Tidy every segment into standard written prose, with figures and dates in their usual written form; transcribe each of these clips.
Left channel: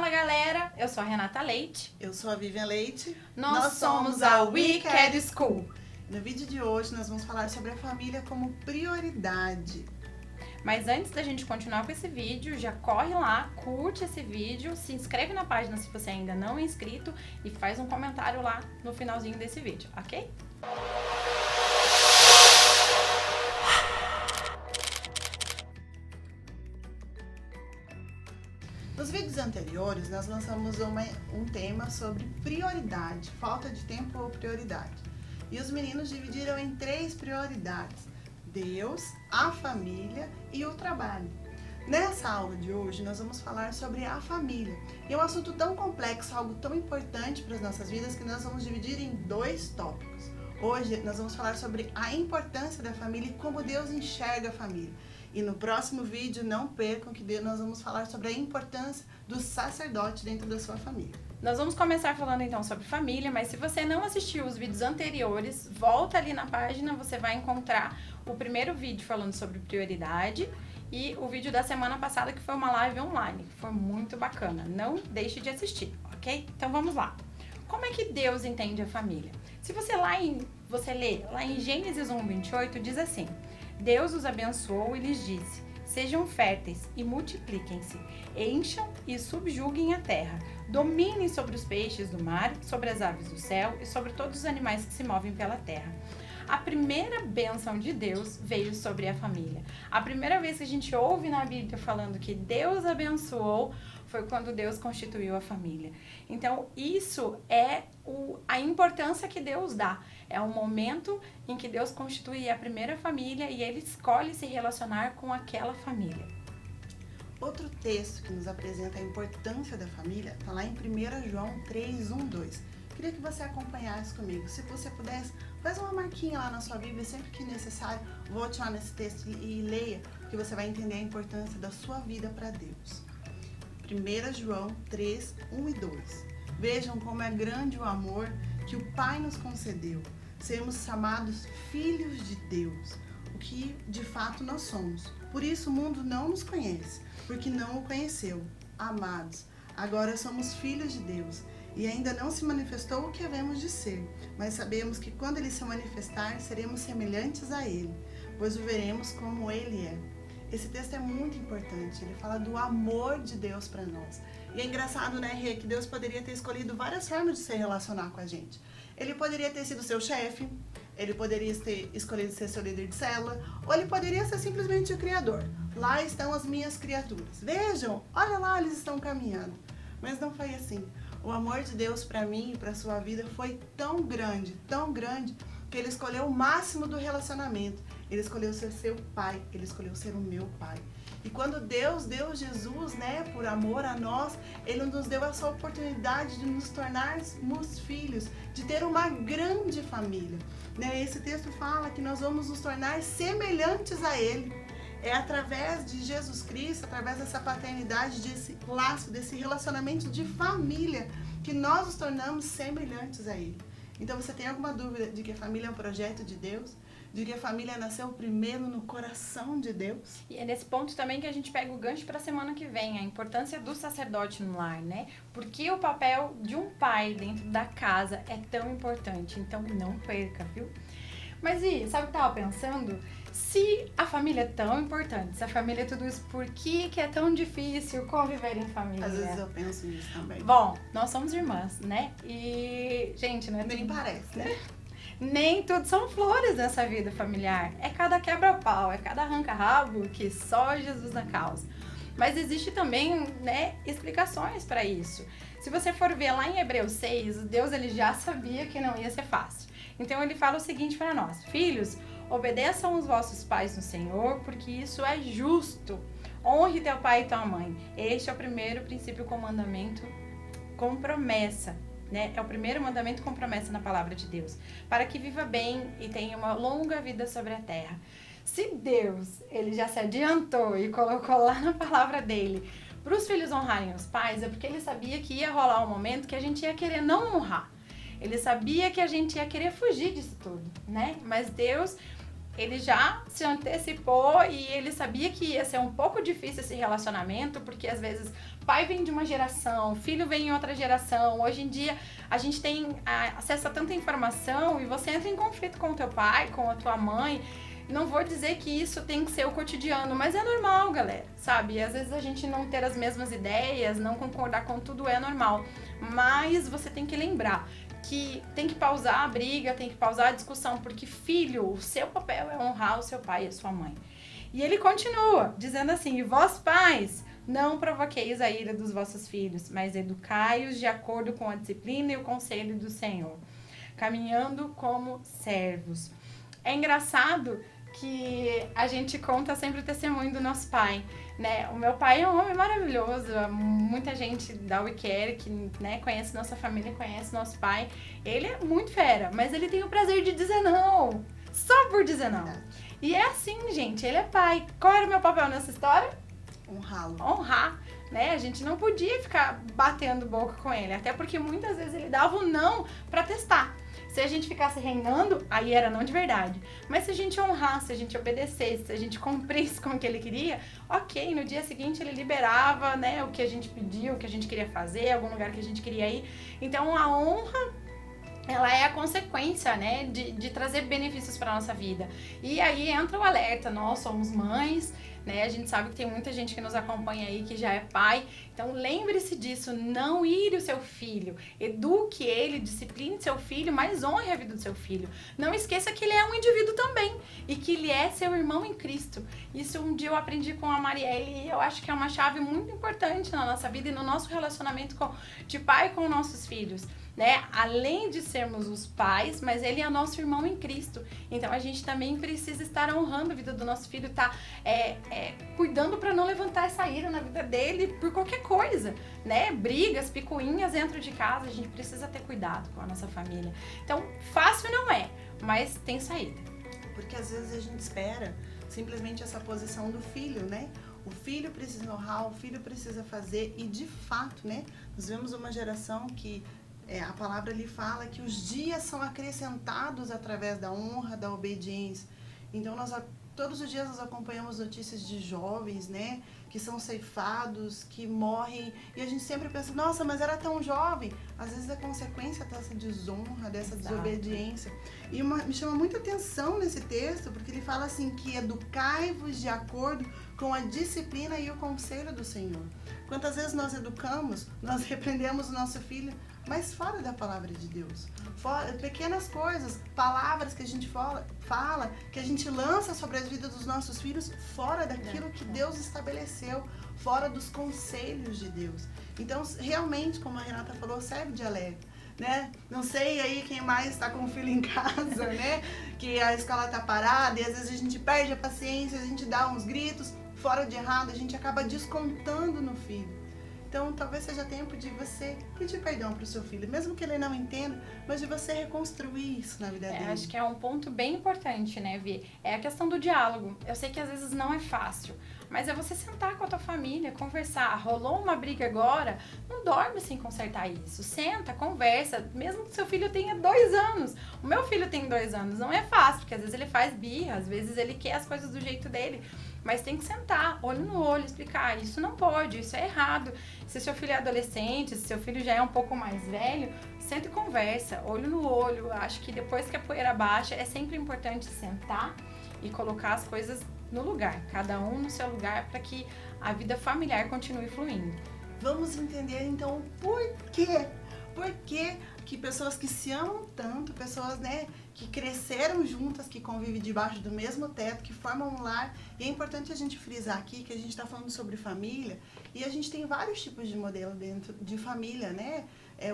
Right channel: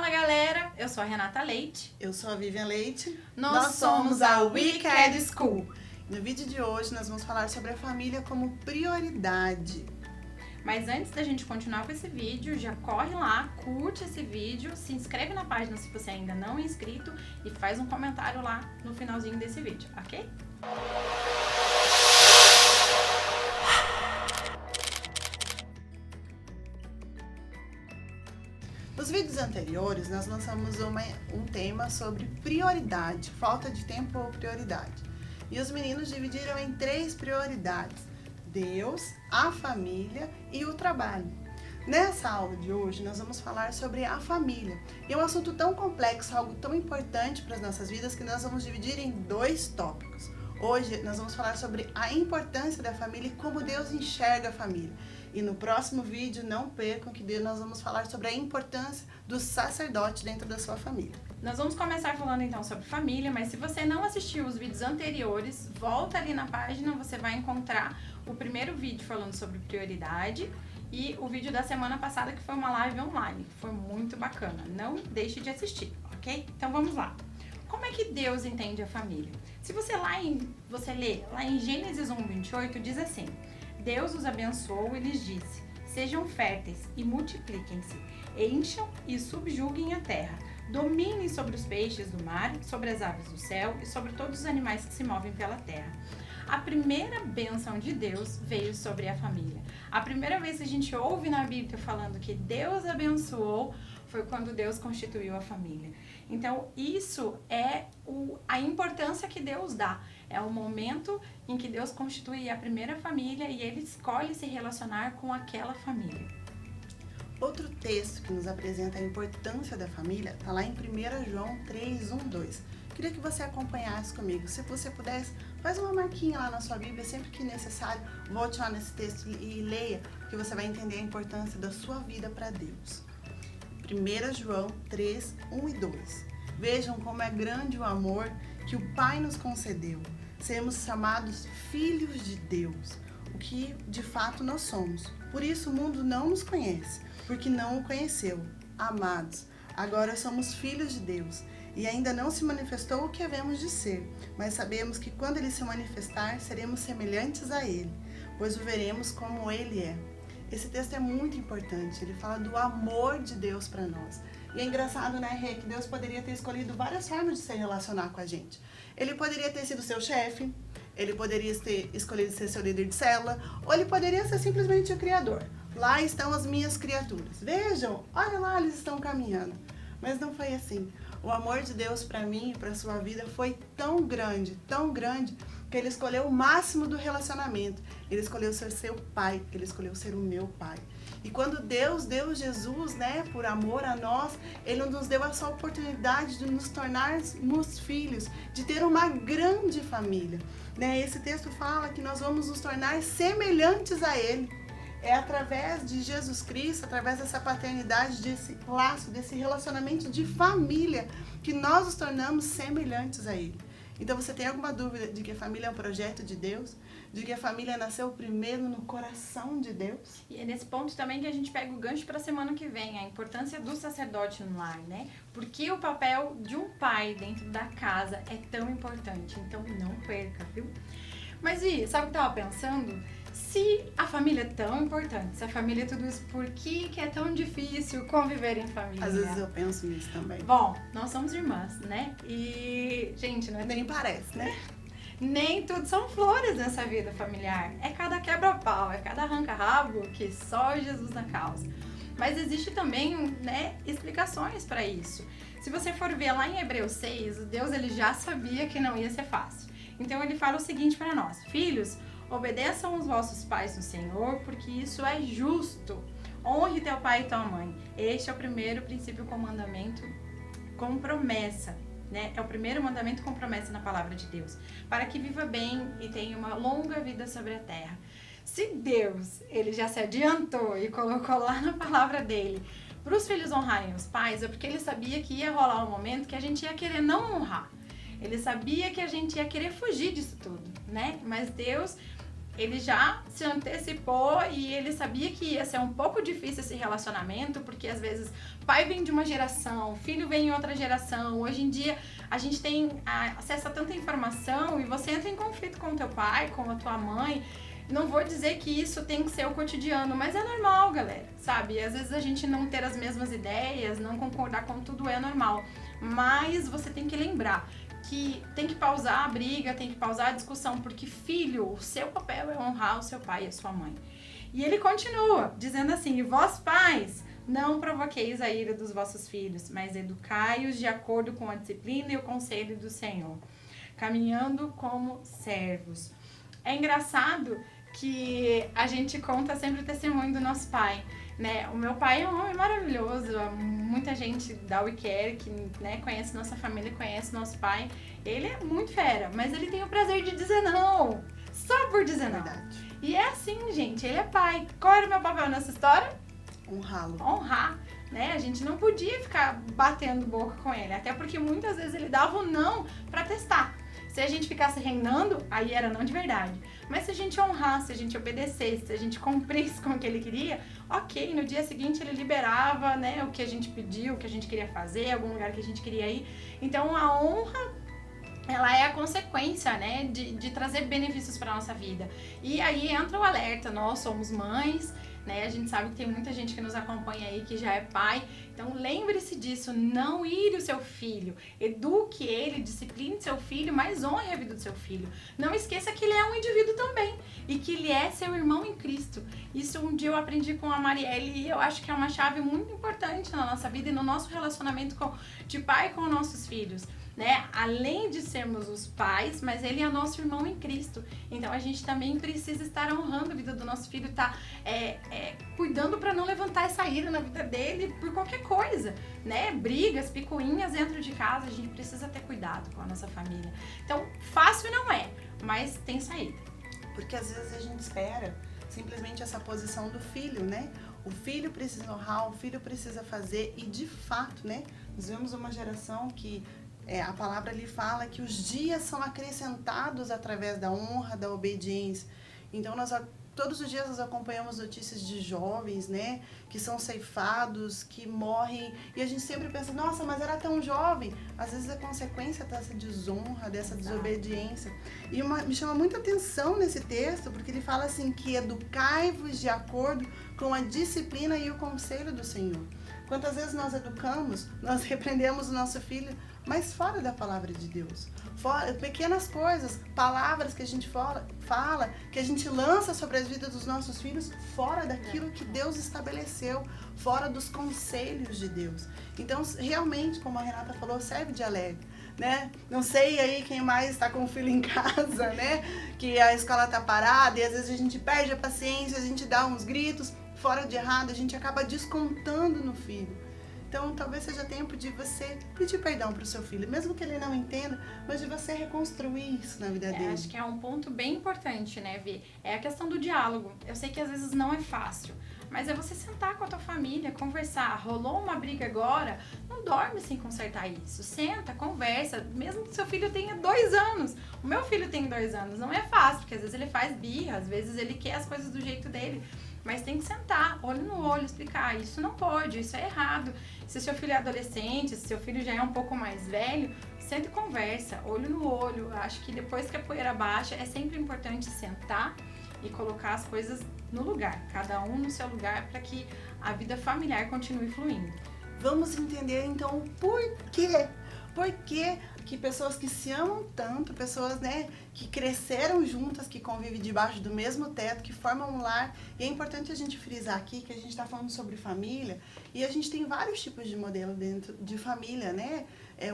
Fala galera, eu sou a Renata Leite. Eu sou a Vivian Leite. Nós somos a Wicked School. No vídeo de hoje nós vamos falar sobre a família como prioridade. Mas antes da gente continuar com esse vídeo, já corre lá, curte esse vídeo, se inscreve na página se você ainda não é inscrito e faz um comentário lá no finalzinho desse vídeo, ok? Nos vídeos anteriores, nós lançamos um tema sobre prioridade, falta de tempo ou prioridade. E os meninos dividiram em 3 prioridades: Deus, a família e o trabalho. Nessa aula de hoje, nós vamos falar sobre a família. E é um assunto tão complexo, algo tão importante para as nossas vidas, que nós vamos dividir em 2 tópicos. Hoje, nós vamos falar sobre a importância da família e como Deus enxerga a família. E no próximo vídeo, não percam que nós vamos falar sobre a importância do sacerdote dentro da sua família. Nós vamos começar falando então sobre família, mas se você não assistiu os vídeos anteriores, volta ali na página, você vai encontrar o primeiro vídeo falando sobre prioridade e o vídeo da semana passada que foi uma live online. Foi muito bacana, não deixe de assistir, ok? Então vamos lá. Como é que Deus entende a família? Se você lê lá em Gênesis 1:28, diz assim: Deus os abençoou e lhes disse: sejam férteis e multipliquem-se, encham e subjuguem a terra, dominem sobre os peixes do mar, sobre as aves do céu e sobre todos os animais que se movem pela terra. A primeira bênção de Deus veio sobre a família. A primeira vez que a gente ouve na Bíblia falando que Deus abençoou foi quando Deus constituiu a família. Então, isso é a importância que Deus dá. É o momento em que Deus constitui a primeira família e Ele escolhe se relacionar com aquela família. Outro texto que nos apresenta a importância da família está lá em 1 João 3:1-2. Queria que você acompanhasse comigo. Se você pudesse, faz uma marquinha lá na sua Bíblia, sempre que necessário, volte lá nesse texto e leia, que você vai entender a importância da sua vida para Deus. 1 João 3:1-2. Vejam como é grande o amor que o Pai nos concedeu. Sermos chamados filhos de Deus, o que de fato nós somos. Por isso o mundo não nos conhece, porque não o conheceu. Amados, agora somos filhos de Deus e ainda não se manifestou o que havemos de ser, mas sabemos que quando Ele se manifestar, seremos semelhantes a Ele, pois o veremos como Ele é. Esse texto é muito importante, ele fala do amor de Deus para nós. E é engraçado, né, Rê, que Deus poderia ter escolhido várias formas de se relacionar com a gente. Ele poderia ter sido seu chefe, ele poderia ter escolhido ser seu líder de célula, ou ele poderia ser simplesmente o Criador. Lá estão as minhas criaturas. Vejam, olha lá, eles estão caminhando. Mas não foi assim. O amor de Deus para mim e para a sua vida foi tão grande, que Ele escolheu o máximo do relacionamento. Ele escolheu ser seu pai, Ele escolheu ser o meu pai. E quando Deus deu Jesus, né, por amor a nós, Ele nos deu essa oportunidade de nos tornarmos filhos, de ter uma grande família. Né? Esse texto fala que nós vamos nos tornar semelhantes a Ele. É através de Jesus Cristo, através dessa paternidade, desse laço, desse relacionamento de família, que nós nos tornamos semelhantes a Ele. Então, você tem alguma dúvida de que a família é um projeto de Deus? De que a família nasceu primeiro no coração de Deus? E é nesse ponto também que a gente pega o gancho para a semana que vem, a importância do sacerdote no lar, né? Porque o papel de um pai dentro da casa é tão importante, então não perca, viu? Mas e, sabe o que eu tava pensando? Se a família é tão importante, se a família é tudo isso, por que é tão difícil conviver em família? Às vezes eu penso nisso também. Bom, nós somos irmãs, né? E, gente, né? Nem parece, né? Nem tudo são flores nessa vida familiar. É cada quebra-pau, é cada arranca-rabo que só Jesus na causa. Mas existe também, né, explicações para isso. Se você for ver lá em Hebreus 6, Deus ele já sabia que não ia ser fácil. Então ele fala o seguinte para nós: filhos, obedeçam os vossos pais no Senhor, porque isso é justo. Honre teu pai e tua mãe. Este é o primeiro princípio com mandamento com promessa. Né? É o primeiro mandamento com promessa na palavra de Deus, para que viva bem e tenha uma longa vida sobre a terra. Se Deus ele já se adiantou e colocou lá na palavra dele para os filhos honrarem os pais, é porque ele sabia que ia rolar um momento que a gente ia querer não honrar. Ele sabia que a gente ia querer fugir disso tudo, né? Mas Deus, ele já se antecipou e ele sabia que ia ser um pouco difícil esse relacionamento, porque às vezes pai vem de uma geração, o filho vem em outra geração. Hoje em dia a gente tem acesso a tanta informação e você entra em conflito com o teu pai, com a tua mãe. Não vou dizer que isso tem que ser o cotidiano, mas é normal, galera, sabe? E às vezes a gente não ter as mesmas ideias, não concordar com tudo é normal. Mas você tem que lembrar que tem que pausar a briga, tem que pausar a discussão, porque filho, o seu papel é honrar o seu pai e a sua mãe. E ele continua dizendo assim: e vós pais, não provoqueis a ira dos vossos filhos, mas educai-os de acordo com a disciplina e o conselho do Senhor, caminhando como servos. É engraçado que a gente conta sempre o testemunho do nosso pai, né? O meu pai é um homem maravilhoso, muita gente da WeCare que, né, conhece nossa família, conhece nosso pai. Ele é muito fera, mas ele tem o prazer de dizer não, só por dizer não. E é assim, gente, ele é pai. Qual era o meu papel nessa história? Honrá-lo. Honrar, né? A gente não podia ficar batendo boca com ele, até porque muitas vezes ele dava um não pra testar. Se a gente ficasse reinando, aí era não de verdade. Mas se a gente honrasse, se a gente obedecesse, se a gente cumprisse com o que ele queria, ok, no dia seguinte ele liberava, né, o que a gente pediu, o que a gente queria fazer, algum lugar que a gente queria ir. Então a honra, ela é a consequência, né, de trazer benefícios para nossa vida. E aí entra o alerta: nós somos mães, né? A gente sabe que tem muita gente que nos acompanha aí que já é pai. Então lembre-se disso, não ire o seu filho, eduque ele, discipline seu filho, mas honre a vida do seu filho. Não esqueça que ele é um indivíduo também e que ele é seu irmão em Cristo. Isso um dia eu aprendi com a Marielle e eu acho que é uma chave muito importante na nossa vida e no nosso relacionamento de pai com nossos filhos. Né? Além de sermos os pais, mas ele é nosso irmão em Cristo. Então a gente também precisa estar honrando a vida do nosso filho, tá cuidando para não levantar essa ira na vida dele por qualquer coisa, né? Brigas, picuinhas dentro de casa, a gente precisa ter cuidado com a nossa família. Então, fácil não é, mas tem saída. Porque às vezes a gente espera simplesmente essa posição do filho, né? O filho precisa honrar, o filho precisa fazer, e de fato, né? Nós vemos uma geração que a palavra ali fala que os dias são acrescentados através da honra, da obediência. Então, todos os dias nós acompanhamos notícias de jovens, né, que são ceifados, que morrem, e a gente sempre pensa: nossa, mas era tão jovem. Às vezes é consequência dessa desonra, dessa desobediência. E me chama muita atenção nesse texto, porque ele fala assim que educai-vos de acordo com a disciplina e o conselho do Senhor. Quantas vezes nós educamos, nós repreendemos o nosso filho, mas fora da palavra de Deus. Pequenas coisas, palavras que a gente fala, que a gente lança sobre as vidas dos nossos filhos, fora daquilo que Deus estabeleceu, fora dos conselhos de Deus. Então, realmente, como a Renata falou, serve de alerta, né? Não sei aí quem mais está com o filho em casa, né? Que a escola está parada e às vezes a gente perde a paciência, a gente dá uns gritos, fora de errado, a gente acaba descontando no filho. Então, talvez seja tempo de você pedir perdão para o seu filho, mesmo que ele não entenda, mas de você reconstruir isso na vida dele. Acho que é um ponto bem importante, né, Vi? É a questão do diálogo. Eu sei que às vezes não é fácil, mas é você sentar com a tua família, conversar. Rolou uma briga agora, não dorme sem consertar isso. Senta, conversa, mesmo que seu filho tenha 2 anos. O meu filho tem 2 anos, não é fácil, porque às vezes ele faz birra, às vezes ele quer as coisas do jeito dele. Mas tem que sentar, olho no olho, explicar: isso não pode, isso é errado. Se seu filho é adolescente, se seu filho já é um pouco mais velho, senta e conversa, olho no olho. Acho que depois que a poeira baixa, é sempre importante sentar e colocar as coisas no lugar, cada um no seu lugar, para que a vida familiar continue fluindo. Vamos entender então o porquê. Por que pessoas que se amam tanto, pessoas, né, que cresceram juntas, que convivem debaixo do mesmo teto, que formam um lar. E é importante a gente frisar aqui que a gente está falando sobre família e a gente tem vários tipos de modelo dentro de família, né?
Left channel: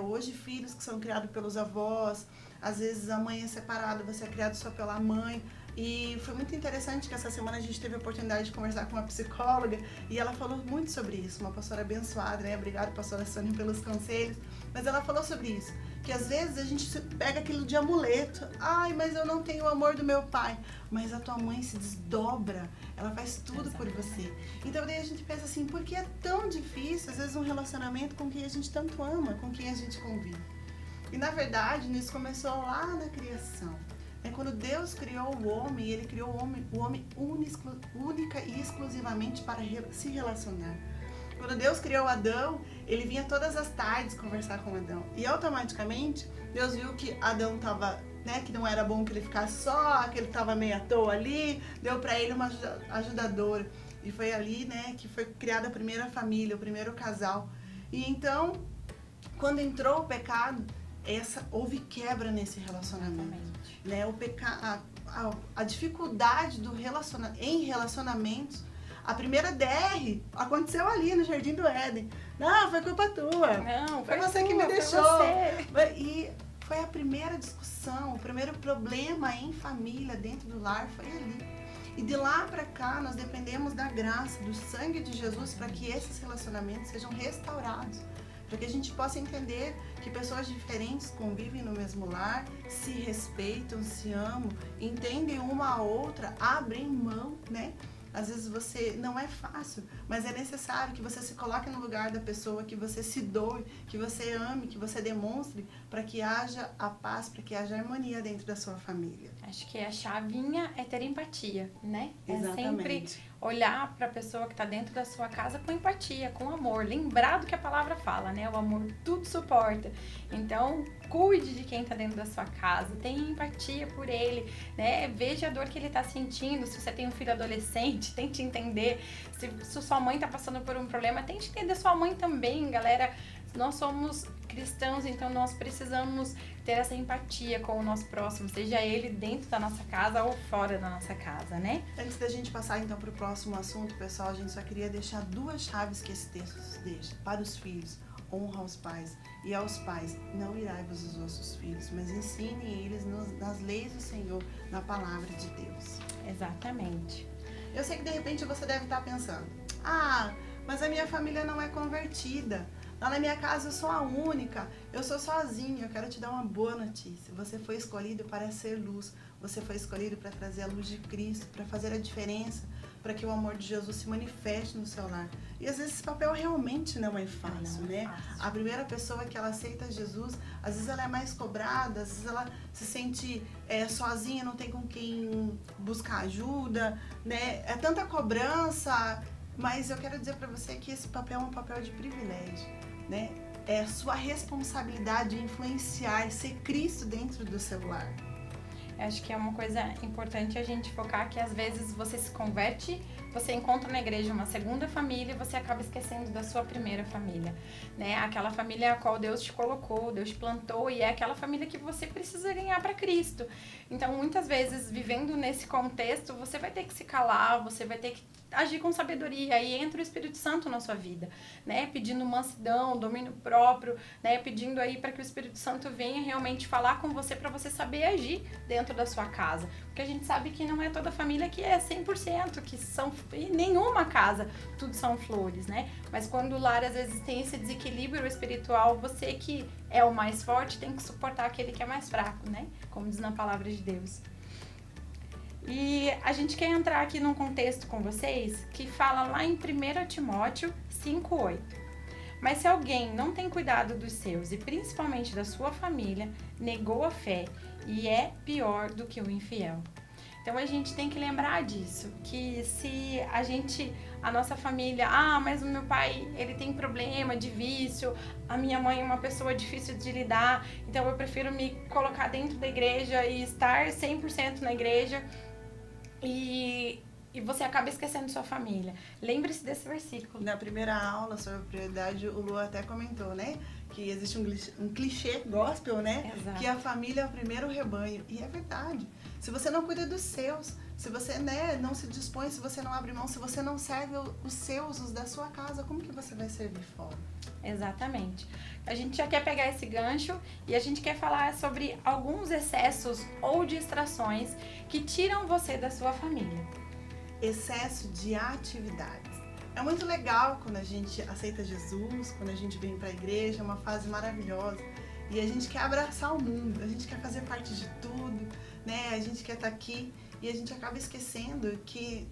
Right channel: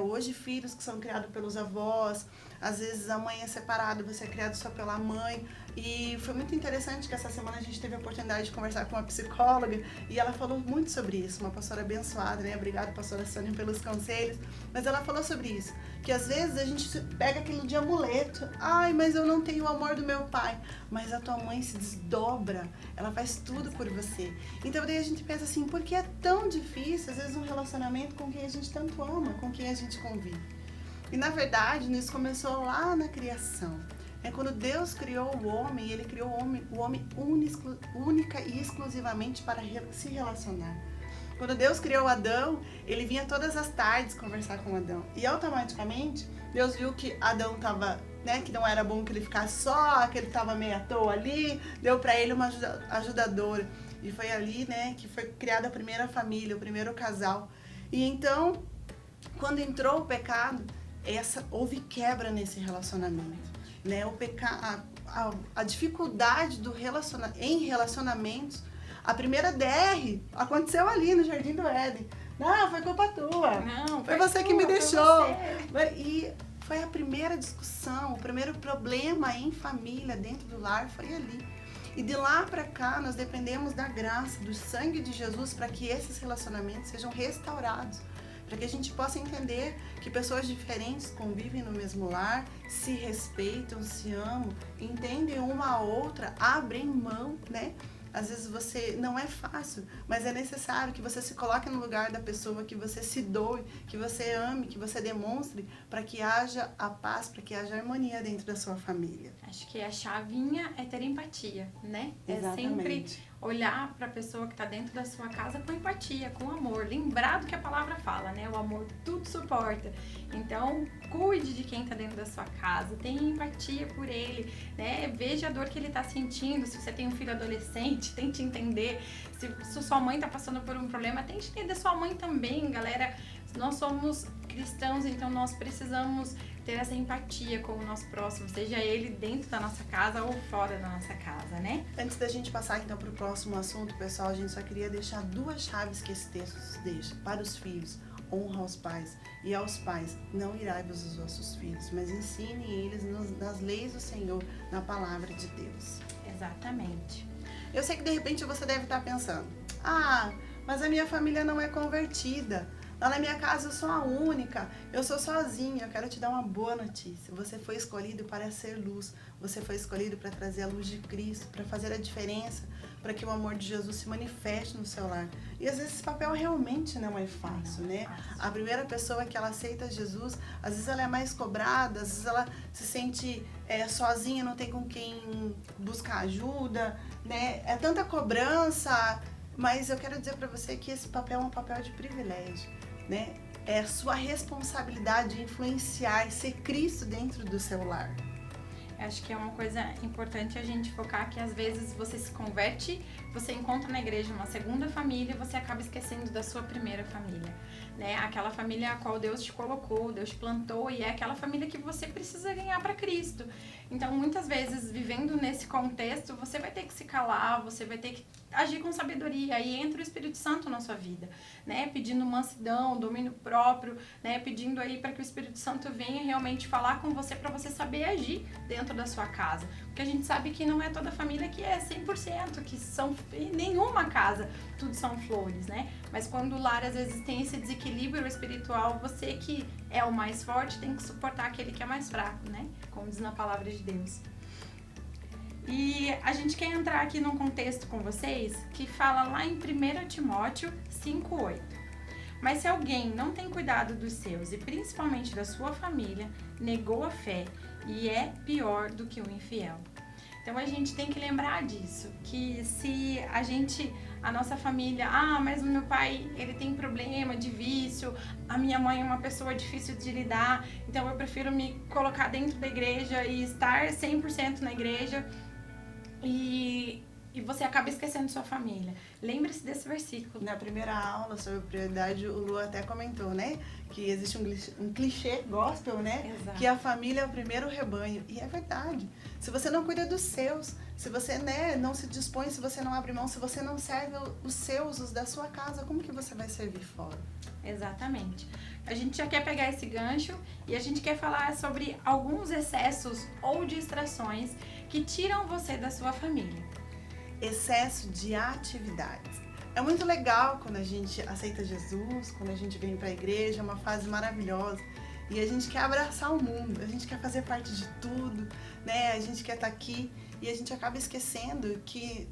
Hoje, filhos que são criados pelos avós, às vezes a mãe é separada, você é criado só pela mãe. E foi muito interessante que essa semana a gente teve a oportunidade de conversar com uma psicóloga e ela falou muito sobre isso, uma pastora abençoada, né? Obrigada, pastora Sônia, pelos conselhos. Mas ela falou sobre isso, que às vezes a gente pega aquilo de amuleto. Ai, mas eu não tenho o amor do meu pai. Mas a tua mãe se desdobra, ela faz tudo por você. Então daí a gente pensa assim: por que é tão difícil, às vezes, um relacionamento com quem a gente tanto ama, com quem a gente convive? E na verdade, isso começou lá na criação. Quando Deus criou o homem, Ele criou o homem única e exclusivamente para se relacionar. Quando Deus criou Adão, ele vinha todas as tardes conversar com Adão. E automaticamente, Deus viu que Adão estava, né, que não era bom que ele ficasse só, que ele estava meio à toa ali, deu para ele uma ajudadora. E foi ali, né, que foi criada a primeira família, o primeiro casal. E então, quando entrou o pecado, houve quebra nesse relacionamento, né? A dificuldade em relacionamentos, a primeira DR aconteceu ali no Jardim do Éden. Não, foi culpa tua. Não, foi você que me deixou. E foi a primeira discussão, o primeiro problema em família, dentro do lar, foi ali. E de lá para cá, nós dependemos da graça, do sangue de Jesus, para que esses relacionamentos sejam restaurados. Para que a gente possa entender que pessoas diferentes convivem no mesmo lar, se respeitam, se amam, entendem uma a outra, abrem mão, né? Às vezes não é fácil, mas é necessário que você se coloque no lugar da pessoa, que você se doe, que você ame, que você demonstre, para que haja a paz, para que haja harmonia dentro da sua família. Acho que a chavinha é ter empatia, né? Exatamente. É sempre olhar para a pessoa que está dentro da sua casa com empatia, com amor. Lembrar do que a palavra fala, né? O amor tudo suporta. Então, cuide de quem está dentro da sua casa, tenha empatia por ele, né? Veja a dor que ele está sentindo. Se você tem um filho adolescente, tente entender. Se sua mãe está passando por um problema, tente entender sua mãe também, galera. Nós somos cristãos, então nós precisamos ter essa empatia com o nosso próximo, seja ele dentro da nossa casa ou fora da nossa casa, né? Antes da gente passar então para o próximo assunto, pessoal, a gente só queria deixar 2 chaves que esse texto deixa para os filhos. Honra aos pais, e aos pais, não irai-vos os vossos filhos, mas ensine eles nas leis do Senhor, na palavra de Deus. Exatamente. Eu sei que de repente você deve estar pensando, mas a minha família não é convertida. Lá na minha casa eu sou a única, eu sou sozinha. Eu quero te dar uma boa notícia. Você foi escolhido para ser luz. Você foi escolhido para trazer a luz de Cristo, para fazer a diferença, para que o amor de Jesus se manifeste no seu lar. E às vezes esse papel realmente não é fácil, né? A primeira pessoa que ela aceita Jesus, às vezes ela é mais cobrada, às vezes ela se sente sozinha, não tem com quem buscar ajuda, né? É tanta cobrança, mas eu quero dizer para você que esse papel é um papel de privilégio, né? É a sua responsabilidade de influenciar e ser Cristo dentro do seu lar. Acho que é uma coisa importante a gente focar que às vezes você se converte, você encontra na igreja uma segunda família, você acaba esquecendo da sua primeira família, né? Aquela família a qual Deus te colocou, Deus te plantou, e é aquela família que você precisa ganhar para Cristo. Então, muitas vezes, vivendo nesse contexto, você vai ter que se calar, você vai ter que agir com sabedoria, aí entra o Espírito Santo na sua vida, né? Pedindo mansidão, domínio próprio, né? Pedindo aí para que o Espírito Santo venha realmente falar com você, para você saber agir dentro da sua casa. Porque a gente sabe que não é toda família que é 100%, que são, em nenhuma casa tudo são flores, né? Mas quando o lar às vezes tem esse desequilíbrio espiritual, você que é o mais forte tem que suportar aquele que é mais fraco, né? Como diz na palavra de Deus. E a gente quer entrar aqui num contexto com vocês que fala lá em 1 Timóteo 5:8. Mas se alguém não tem cuidado dos seus e principalmente da sua família, negou a fé e é pior do que o infiel. Então a gente tem que lembrar disso, que se a nossa família, mas o meu pai, ele tem problema de vício, a minha mãe é uma pessoa difícil de lidar, então eu prefiro me colocar dentro da igreja e estar 100% na igreja, e você acaba esquecendo sua família. Lembre-se desse versículo. Na primeira aula sobre prioridade, o Lu até comentou, né? Que existe um clichê gospel, né? Exato. Que a família é o primeiro rebanho. E é verdade. Se você não cuida dos seus, se você, né, não se dispõe, se você não abre mão, se você não serve os seus, os da sua casa, como que você vai servir fora? Exatamente. A gente já quer pegar esse gancho e a gente quer falar sobre alguns excessos ou distrações que tiram você da sua família. Excesso de atividades. É muito legal quando a gente aceita Jesus, quando a gente vem para a igreja, é uma fase maravilhosa. E a gente quer abraçar o mundo, a gente quer fazer parte de tudo, né? A gente quer estar aqui e a gente acaba esquecendo que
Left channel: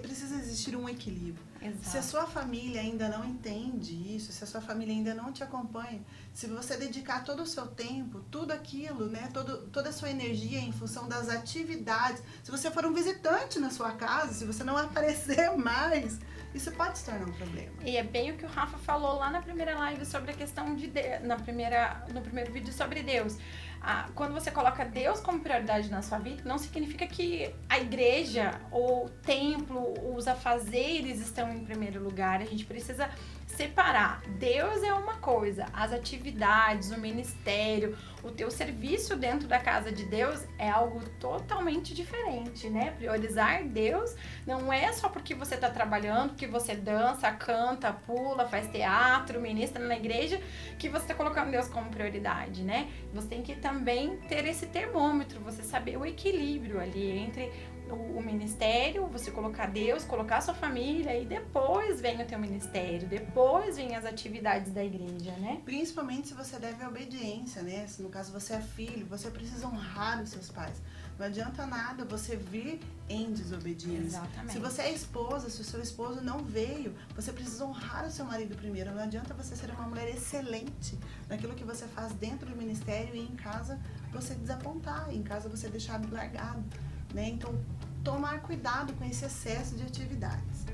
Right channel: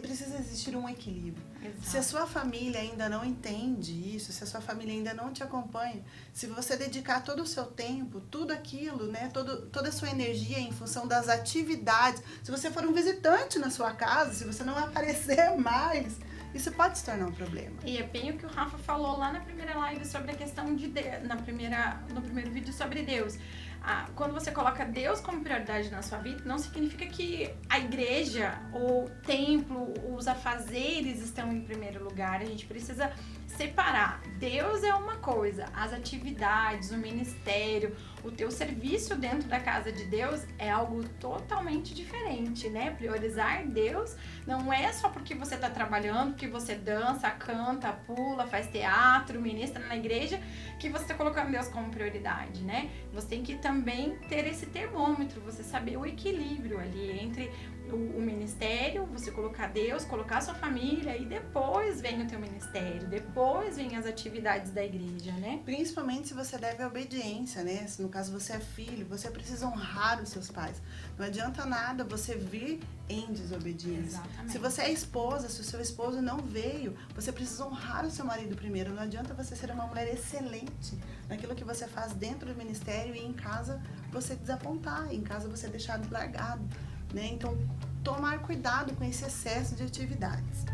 precisa existir um equilíbrio. Exato. Se a sua família ainda não entende isso, se a sua família ainda não te acompanha, se você dedicar todo o seu tempo, tudo aquilo, né, toda a sua energia em função das atividades, se você for um visitante na sua casa, se você não aparecer mais, isso pode se tornar um problema. E é bem o que o Rafa falou lá na primeira live sobre a questão de Deus, no primeiro vídeo sobre Deus. Quando você coloca Deus como prioridade na sua vida, não significa que a igreja, o templo, os afazeres estão em primeiro lugar. A gente precisa separar. Deus é uma coisa, as atividades, o ministério, o teu serviço dentro da casa de Deus é algo totalmente diferente, né? Priorizar Deus não é só porque você está trabalhando, que você dança, canta, pula, faz teatro, ministra na igreja, que você está colocando Deus como prioridade, né? Você tem que também ter esse termômetro, você saber o equilíbrio ali entre o ministério, você colocar Deus, colocar a sua família e depois vem o teu ministério, depois vem as atividades da igreja, né? Principalmente se você deve a obediência, né? Se no caso você é filho, você precisa honrar os seus pais. Não adianta nada você vir em desobediência. Exatamente. Se você é esposa, se o seu esposo não veio, você precisa honrar o seu marido primeiro. Não adianta você ser uma mulher excelente naquilo que você faz dentro do ministério e em casa você desapontar, em casa você deixar largado, né? Então, tomar cuidado com esse excesso de atividades.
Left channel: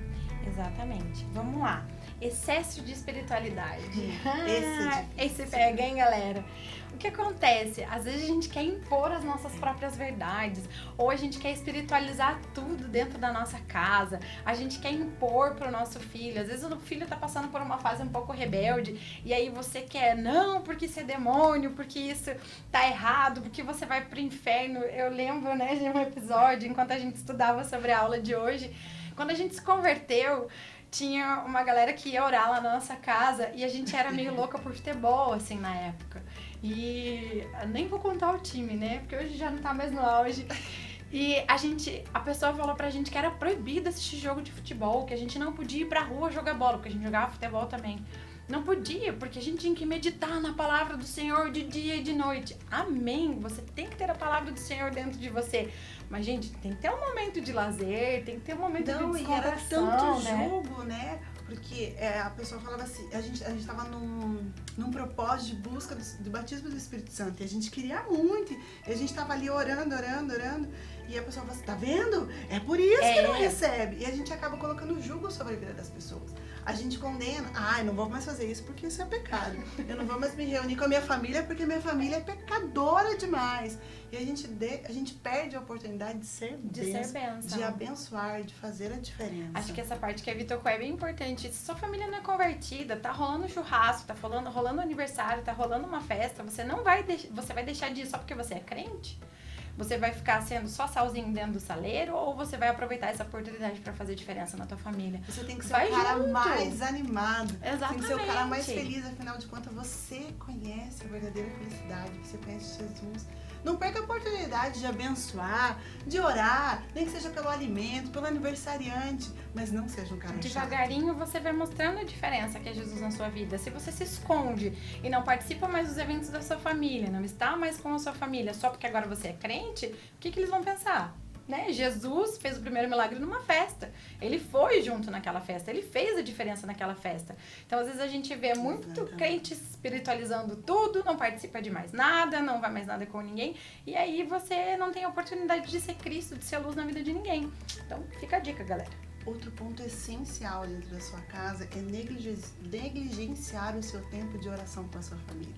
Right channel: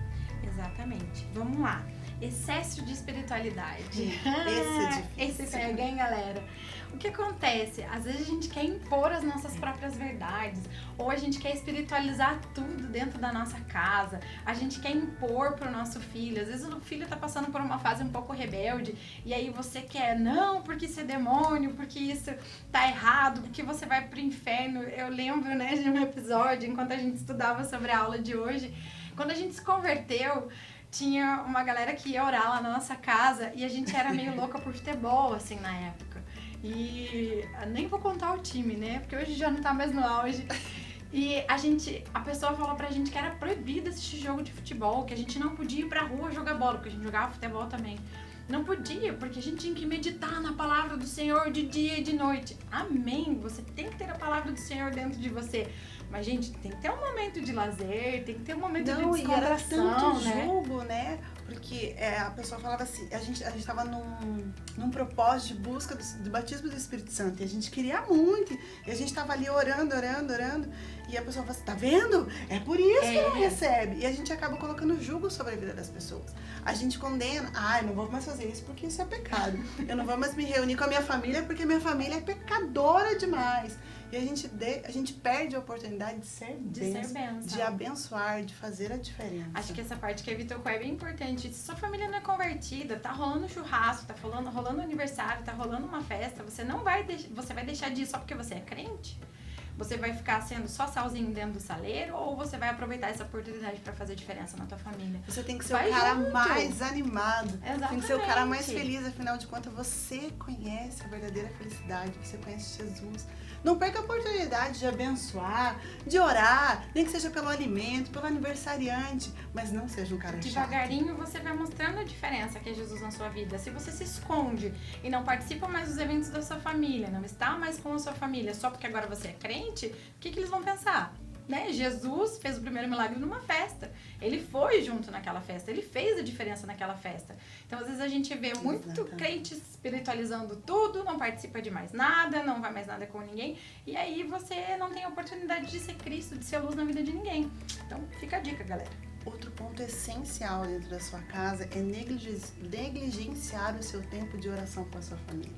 Exatamente. Vamos lá. Excesso de espiritualidade. Esse pega, hein, galera? O que acontece? Às vezes a gente quer impor as nossas próprias verdades, ou a gente quer espiritualizar tudo dentro da nossa casa, a gente quer impor pro nosso filho. Às vezes o filho tá passando por uma fase um pouco rebelde, e aí você quer, não, porque isso é demônio, porque isso tá errado, porque você vai pro inferno. Eu lembro, né, de um episódio, enquanto a gente estudava sobre a aula de hoje, quando a gente se converteu, tinha uma galera que ia orar lá na nossa casa e a gente era meio louca por futebol, assim, na época. E nem vou contar o time, né? Porque hoje já não tá mais no auge. E a pessoa falou pra gente que era proibido assistir jogo de futebol, que a gente não podia ir pra rua jogar bola, porque a gente jogava futebol também. Não podia, porque a gente tinha que meditar na palavra do Senhor de dia e de noite. Amém! Você tem que ter a palavra do Senhor dentro de você. Mas, gente, tem que ter um momento de lazer, tem que ter um momento de descontração, e era tanto né? jogo, né? Porque a pessoa falava assim, a gente tava num propósito de busca do batismo do Espírito Santo. E a gente queria muito. E a gente tava ali orando. E a pessoa falou assim, tá vendo? É por isso que não recebe. E a gente acaba colocando julgo sobre a vida das pessoas. A gente condena, eu não vou mais fazer isso porque isso é pecado. Eu não vou mais me reunir com a minha família porque minha família é pecadora demais. E a gente perde a oportunidade de ser bênção, de abençoar, de fazer a diferença. Acho que essa parte que a Vitor é bem importante. Se sua família não é convertida, tá rolando churrasco, tá rolando aniversário, tá rolando uma festa, você vai deixar de ir só porque você é crente? Você vai ficar sendo só salzinho dentro do saleiro ou você vai aproveitar essa oportunidade para fazer diferença na tua família? Você tem que ser o cara mais animado. Exatamente. Tem que ser o cara mais feliz, afinal de contas você conhece a verdadeira felicidade, você conhece Jesus. Não perca a oportunidade de abençoar, de orar, nem que seja pelo alimento, pelo aniversariante, mas não seja um cara devagarinho chato. Você vai mostrando a diferença que é Jesus na sua vida. Se você se esconde e não participa mais dos eventos da sua família, não está mais com a sua família só porque agora você é crente, o que eles vão pensar? Né? Jesus fez o primeiro milagre numa festa. Ele foi junto naquela festa. Ele fez a diferença naquela festa. Então, às vezes, a gente vê muito crente espiritualizando tudo, não participa de mais nada, não vai mais nada com ninguém. E aí, você não tem a oportunidade de ser Cristo, de ser luz na vida de ninguém. Então, fica a dica, galera. Outro ponto essencial dentro da sua casa é negligenciar o seu tempo de oração com a sua família.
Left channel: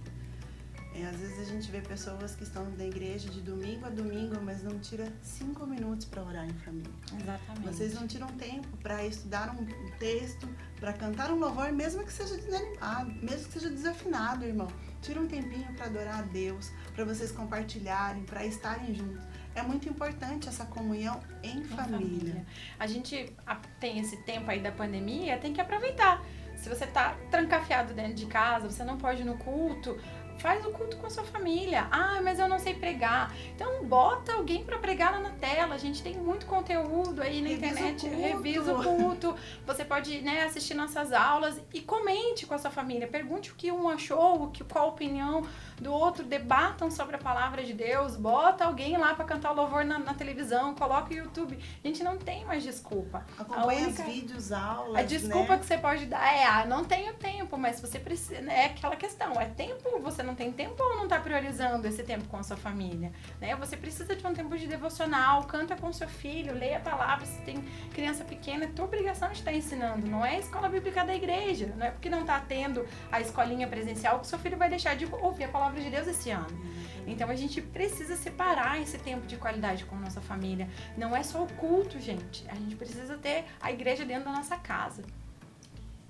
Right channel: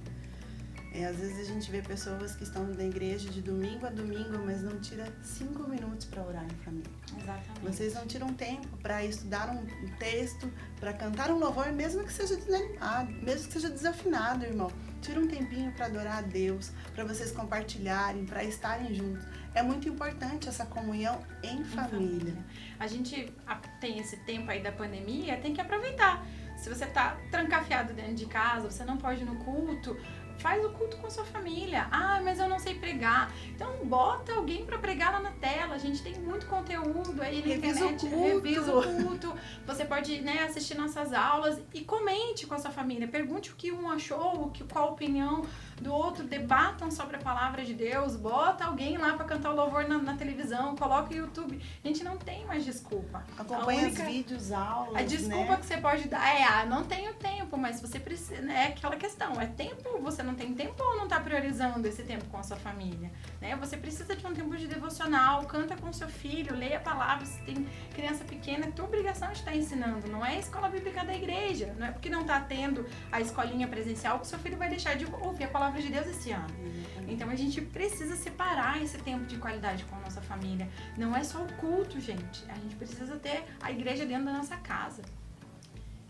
Às vezes a gente vê pessoas que estão na igreja de domingo a domingo, mas não tira 5 minutos para orar em família. Exatamente. Vocês não tiram tempo para estudar um texto, para cantar um louvor, mesmo que seja desanimado, mesmo que seja desafinado, irmão. Tira um tempinho para adorar a Deus, para vocês compartilharem, para estarem juntos. É muito importante essa comunhão em família. A gente tem esse tempo aí da pandemia, tem que aproveitar. Se você tá trancafiado dentro de casa, você não pode ir no culto, faz o culto com a sua família. Mas eu não sei pregar. Então, bota alguém para pregar lá na tela. A gente tem muito conteúdo aí na internet. Revisa o culto. Você pode, né, assistir nossas aulas e comente com a sua família. Pergunte o que um achou, qual a opinião do outro. Debatam sobre a palavra de Deus. Bota alguém lá para cantar o louvor na televisão. Coloca o YouTube. A gente não tem mais desculpa. Acompanha os vídeos, aulas, a desculpa, né, que você pode dar não tenho tempo, mas você precisa, né? É aquela questão. É tempo, você não não tem tempo ou não tá priorizando esse tempo com a sua família, né? Você precisa de um tempo de devocional, canta com seu filho, leia a palavra, se tem criança pequena, é tua obrigação de estar ensinando, não é a escola bíblica da igreja, não é porque não tá tendo a escolinha presencial que seu filho vai deixar de ouvir a palavra de Deus esse ano. Então a gente precisa separar esse tempo de qualidade com a nossa família. Não é só o culto, gente. A gente precisa ter a igreja dentro da nossa casa.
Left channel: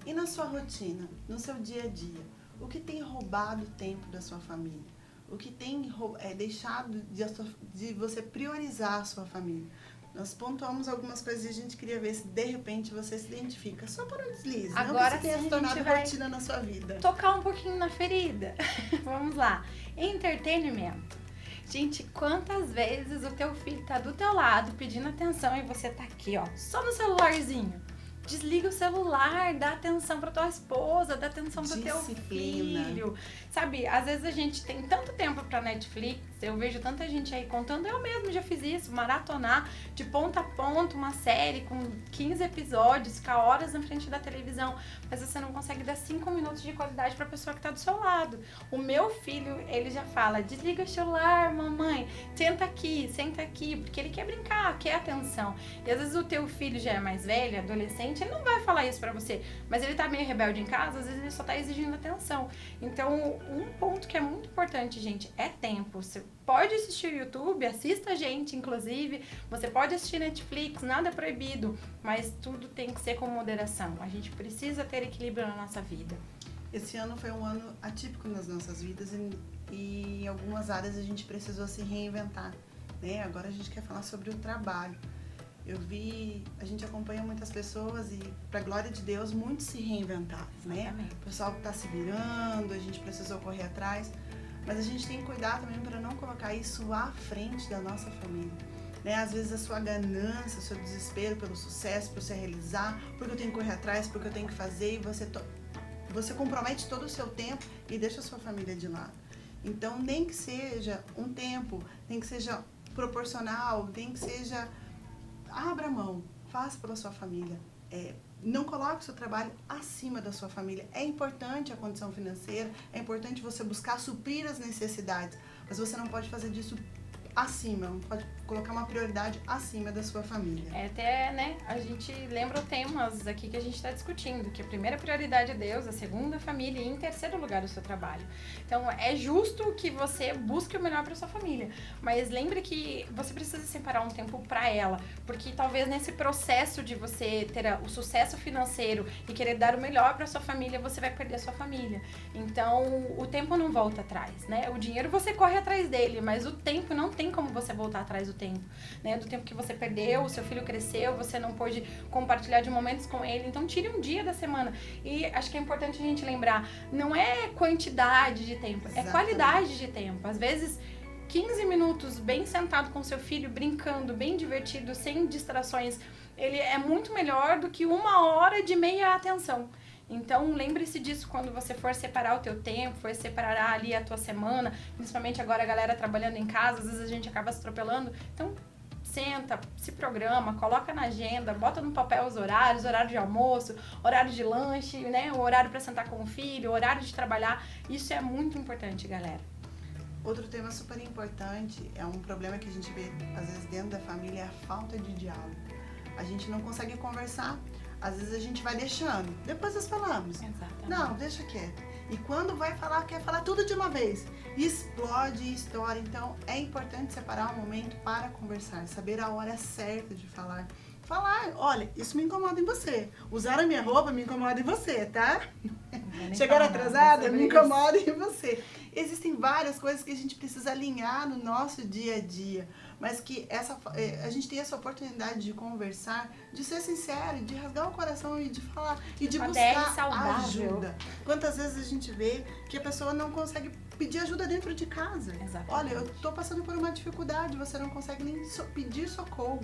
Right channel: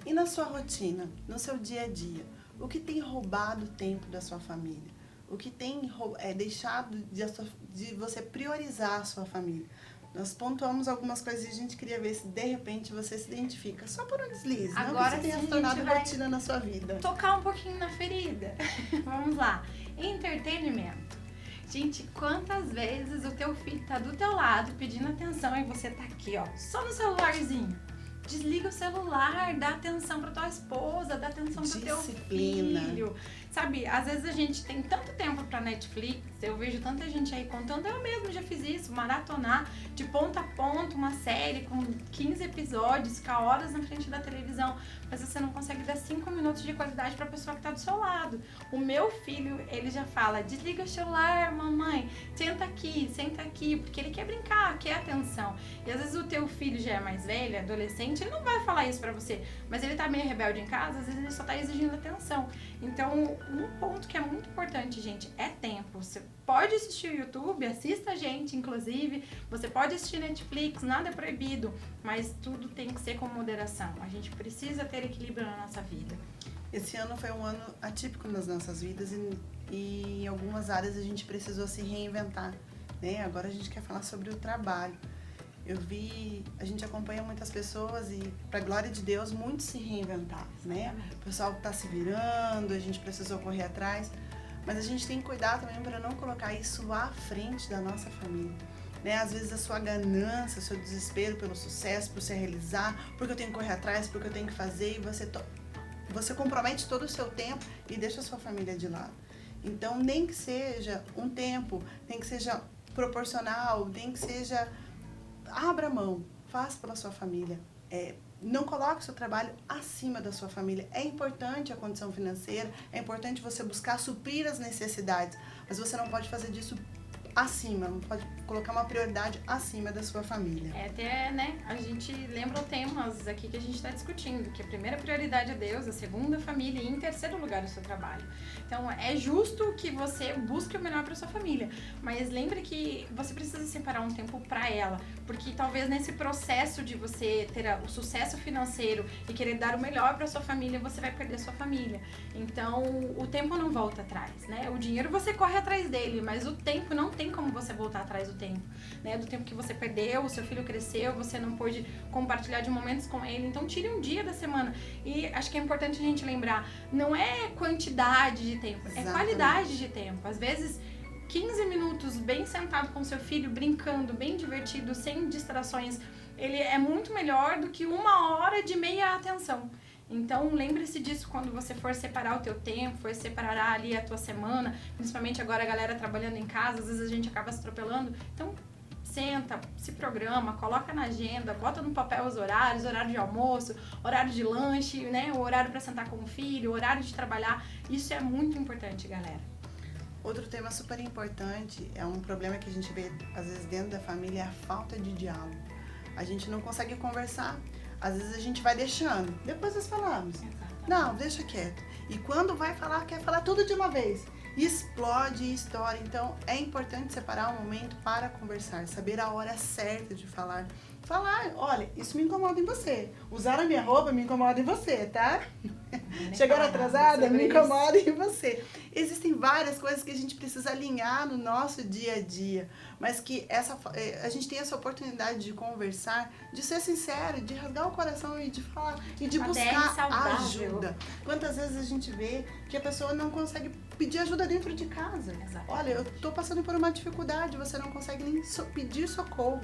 E na sua rotina, no seu dia a dia, o que tem roubado o tempo da sua família? O que tem deixado de você priorizar a sua família? Nós pontuamos algumas coisas e a gente queria ver se de repente você se identifica. Só por um deslize. Agora não que você tenha tornado rotina na sua vida. Tocar um pouquinho na ferida. Vamos lá. Entretenimento. Gente, quantas vezes o teu filho tá do teu lado pedindo atenção e você tá aqui, ó, só no celularzinho. Desliga o celular, dá atenção pra tua esposa, dá atenção pro teu filho. Sabe, às vezes a gente tem tanto tempo pra Netflix, eu vejo tanta gente aí contando, eu mesmo já fiz isso, maratonar de ponta a ponta uma série com 15 episódios, ficar horas na frente da televisão, mas você não consegue dar 5 minutos de qualidade pra pessoa que tá do seu lado. O meu filho, ele já fala, desliga o celular, mamãe, senta aqui, porque ele quer brincar, quer atenção. E às vezes o teu filho já é mais velho, adolescente, ele não vai falar isso pra você, mas ele tá meio rebelde em casa, às vezes ele só tá exigindo atenção. Então, um ponto que é muito importante, gente, é tempo. Você pode assistir o YouTube, assista a gente, inclusive. Você pode assistir Netflix, nada é proibido, mas tudo tem que ser com moderação. A gente precisa ter equilíbrio na nossa vida. Esse ano foi um ano atípico nas nossas vidas e em algumas áreas a gente precisou se reinventar, né? Agora a gente quer falar sobre o trabalho. A gente acompanha muitas pessoas e, pra glória de Deus, muitos se reinventaram, né? O pessoal tá se virando, a gente precisou correr atrás, mas a gente tem que cuidar também para não colocar isso à frente da nossa família, né? Às vezes a sua ganância, o seu desespero pelo sucesso, por se realizar, porque eu tenho que correr atrás, porque eu tenho que fazer, e você compromete todo o seu tempo e deixa a sua família de lado. Então, nem que seja um tempo, nem que seja proporcional, nem que seja... Abra mão, faça pela sua família. Não coloque o seu trabalho acima da sua família. É importante a condição financeira, é importante você buscar suprir as necessidades, mas você não pode fazer disso acima, não pode colocar uma prioridade acima da sua família. Até, né, a gente lembra temas aqui que a gente está discutindo, que a primeira prioridade é Deus, a segunda família e em terceiro lugar o seu trabalho. Então, é justo que você busque o melhor para sua família, mas lembre que você precisa separar um tempo para ela, porque talvez nesse processo de você ter o sucesso financeiro e querer dar o melhor para sua família, você vai perder a sua família. Então, o tempo não volta atrás, né? O dinheiro você corre atrás dele, mas o tempo não tem como você voltar atrás do tempo, né? Do tempo que você perdeu, o seu filho cresceu, você não pôde compartilhar de momentos com ele. Então, tire um dia da semana. E acho que é importante a gente lembrar, não é quantidade de tempo, é qualidade de tempo. Às vezes, 15 minutos bem sentado com seu filho, brincando, bem divertido, sem distrações, ele é muito melhor do que 1 hora de meia atenção. Então, lembre-se disso quando você for separar o teu tempo, for separar ali a tua semana, principalmente agora a galera trabalhando em casa, às vezes a gente acaba se atropelando. Então, senta, se programa, coloca na agenda, bota no papel os horários, horário de almoço, horário de lanche, né? O horário para sentar com o filho, o horário de trabalhar. Isso é muito importante, galera. Outro tema super importante, é um problema que a gente vê às vezes dentro da família, é a falta de diálogo. A gente não consegue conversar. Às vezes a gente vai deixando, depois nós falamos. Exatamente. Não, deixa quieto. E quando vai falar, quer falar tudo de uma vez. Explode e estoura. Então, é importante separar um momento para conversar, saber a hora certa de falar. Falar, olha, isso me incomoda em você. Usar a minha roupa me incomoda em você, tá? Chegar atrasada me incomoda em você. Existem várias coisas que a gente precisa alinhar no nosso dia a dia, mas que a gente tem essa oportunidade de conversar, de ser sincero, de rasgar o coração e de falar e de buscar ajuda. Quantas vezes a gente vê que a pessoa não consegue pedir ajuda dentro de casa? Exatamente. Olha, eu tô passando por uma dificuldade, você não consegue nem pedir socorro.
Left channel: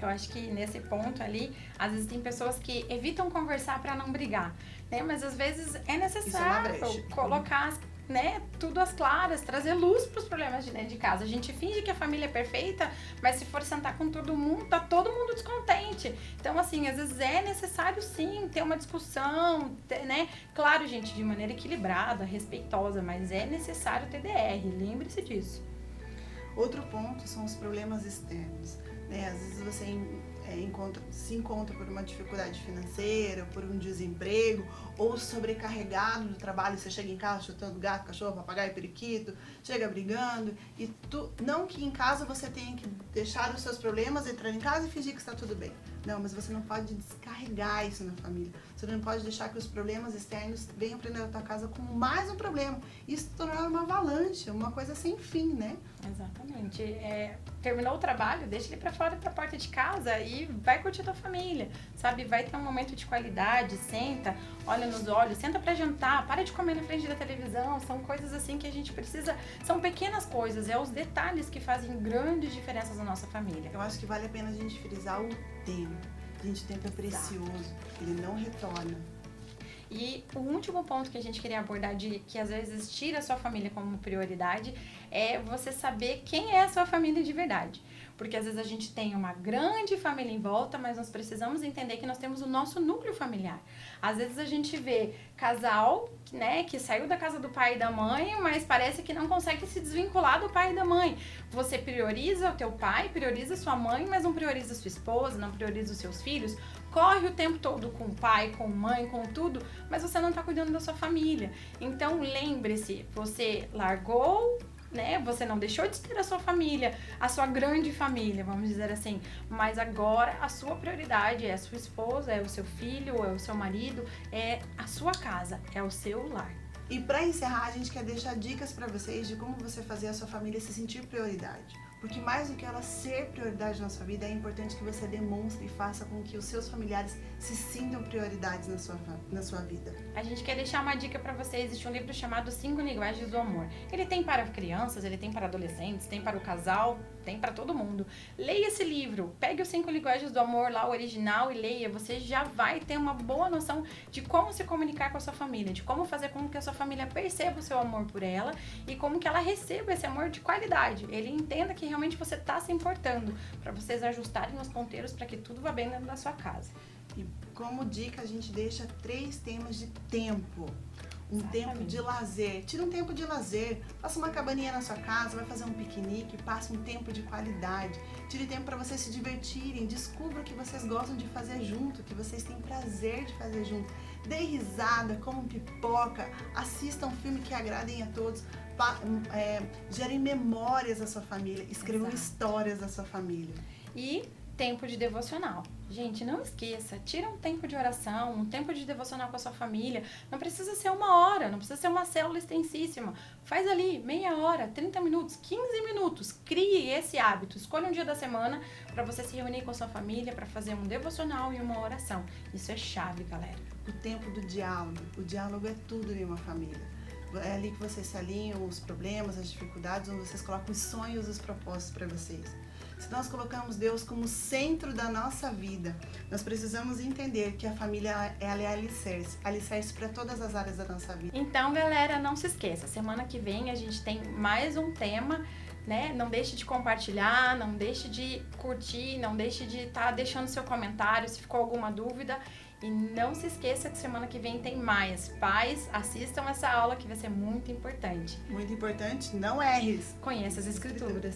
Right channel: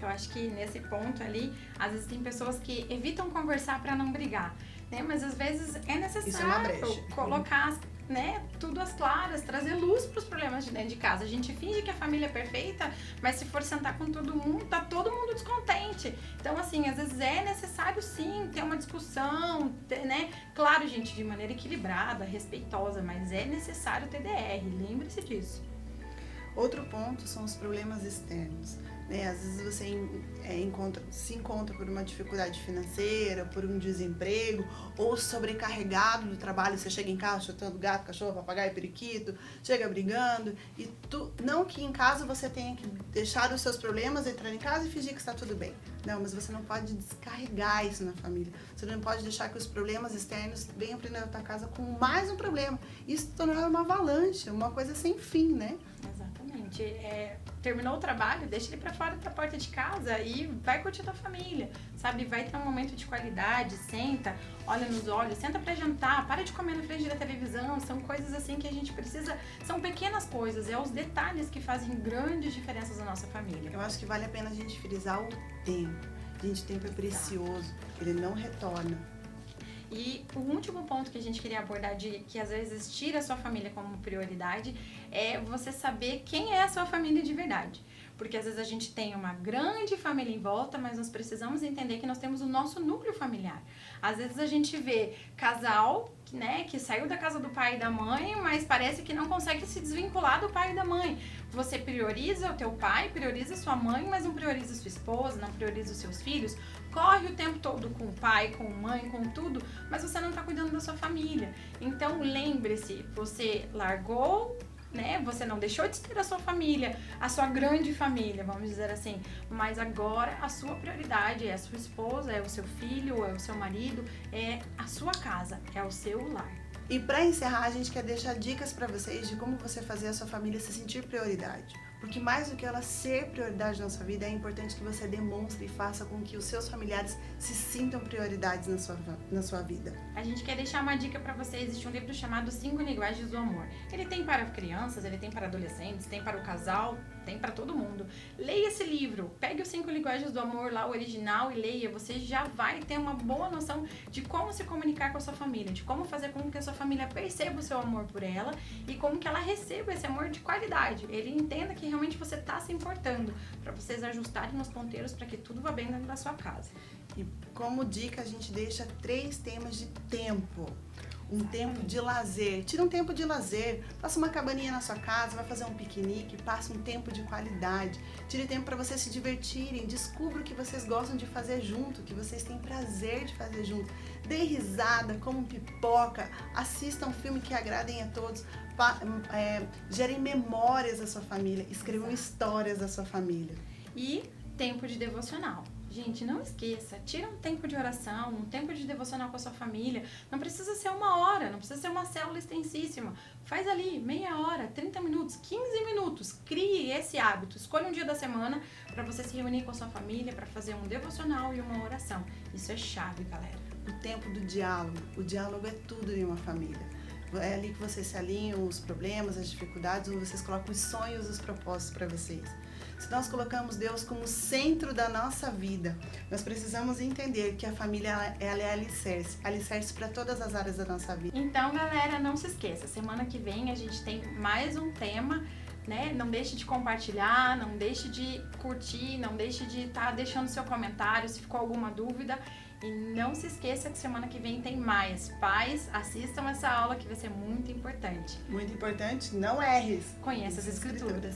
Eu acho que nesse ponto ali, às vezes tem pessoas que evitam conversar para não brigar, né? Mas às vezes é necessário colocar né, tudo às claras, trazer luz para os problemas de dentro de casa. A gente finge que a família é perfeita, mas se for sentar com todo mundo, tá todo mundo descontente. Então, assim, às vezes é necessário sim ter uma discussão, né? Claro, gente, de maneira equilibrada, respeitosa, mas é necessário ter DR, lembre-se disso. Outro ponto são os problemas externos, né? Às vezes você se encontra por uma dificuldade financeira, por um desemprego, ou sobrecarregado do trabalho. Você chega em casa chutando gato, cachorro, papagaio, periquito, chega brigando, e não que em casa você tenha que deixar os seus problemas, entrar em casa e fingir que está tudo bem. Não, mas você não pode descarregar isso na família. Você não pode deixar que os problemas externos venham para dentro da tua casa com mais um problema. Isso torna uma avalanche, uma coisa sem fim, né? Exatamente. Terminou o trabalho, deixa ele pra fora da porta de casa e vai curtir tua família, sabe? Vai ter um momento de qualidade, senta, olha nos olhos, senta pra jantar, para de comer na frente da televisão. São coisas assim que a gente precisa, são pequenas coisas, os detalhes que fazem grandes diferenças na nossa família. Eu acho que vale a pena a gente frisar o tempo. Gente, o tempo é precioso, ele não retorna. E o último ponto que a gente queria abordar, que às vezes tira a sua família como prioridade, é você saber quem é a sua família de verdade. Porque às vezes a gente tem uma grande família em volta, mas nós precisamos entender que nós temos o nosso núcleo familiar. Às vezes a gente vê casal, né, que saiu da casa do pai e da mãe, mas parece que não consegue se desvincular do pai e da mãe. Você prioriza o teu pai, prioriza sua mãe, mas não prioriza sua esposa, não prioriza os seus filhos. Corre o tempo todo com o pai, com mãe, com tudo, mas você não tá cuidando da sua família. Então lembre-se, você largou, né? Você não deixou de ter a sua família, a sua grande família, vamos dizer assim. Mas agora a sua prioridade é a sua esposa, é o seu filho, é o seu marido, é a sua casa, é o seu lar. E para encerrar, a gente quer deixar dicas para vocês de como você fazer a sua família se sentir prioridade. Porque mais do que ela ser prioridade na sua vida, é importante que você demonstre e faça com que os seus familiares se sintam prioridades na sua vida. A gente quer deixar uma dica para você. Existe um livro chamado 5 Linguagens do Amor. Ele tem para crianças, ele tem para adolescentes, tem para o casal, tem para todo mundo. Leia esse livro, pegue os 5 Linguagens do Amor lá, o original, e leia. Você já vai ter uma boa noção de como se comunicar com a sua família, de como fazer com que a sua família perceba o seu amor por ela e como que ela receba esse amor de qualidade. Ele entenda que realmente você está se importando, para vocês ajustarem os ponteiros para que tudo vá bem dentro da sua casa. E como dica, a gente deixa 3 temas de tempo. Um Exatamente. Tempo de lazer. Tira um tempo de lazer. Faça uma cabaninha na sua casa, vai fazer um piquenique, passe um tempo de qualidade. Tire tempo para vocês se divertirem. Descubra o que vocês gostam de fazer junto, o que vocês têm prazer de fazer junto. Dê risada, comam pipoca, assistam um filme que agradem a todos. Gerem memórias da sua família, escrevam histórias da sua família. E tempo de devocional. Gente, não esqueça, tira um tempo de oração, um tempo de devocional com a sua família. Não precisa ser 1 hora, não precisa ser uma célula extensíssima. Faz ali meia hora, 30 minutos, 15 minutos. Crie esse hábito. Escolha um dia da semana para você se reunir com a sua família, para fazer um devocional e uma oração. Isso é chave, galera. O tempo do diálogo. O diálogo é tudo em uma família. É ali que vocês se alinham os problemas, as dificuldades, onde vocês colocam os sonhos e os propósitos para vocês. Se nós colocamos Deus como centro da nossa vida, nós precisamos entender que a família ela é alicerce para todas as áreas da nossa vida. Então, galera, não se esqueça, semana que vem a gente tem mais um tema, né? Não deixe de compartilhar, não deixe de curtir, não deixe de estar deixando seu comentário se ficou alguma dúvida. E não se esqueça que semana que vem tem mais. Pais, assistam essa aula que vai ser muito importante. Muito importante, não erres. Conheça as escrituras.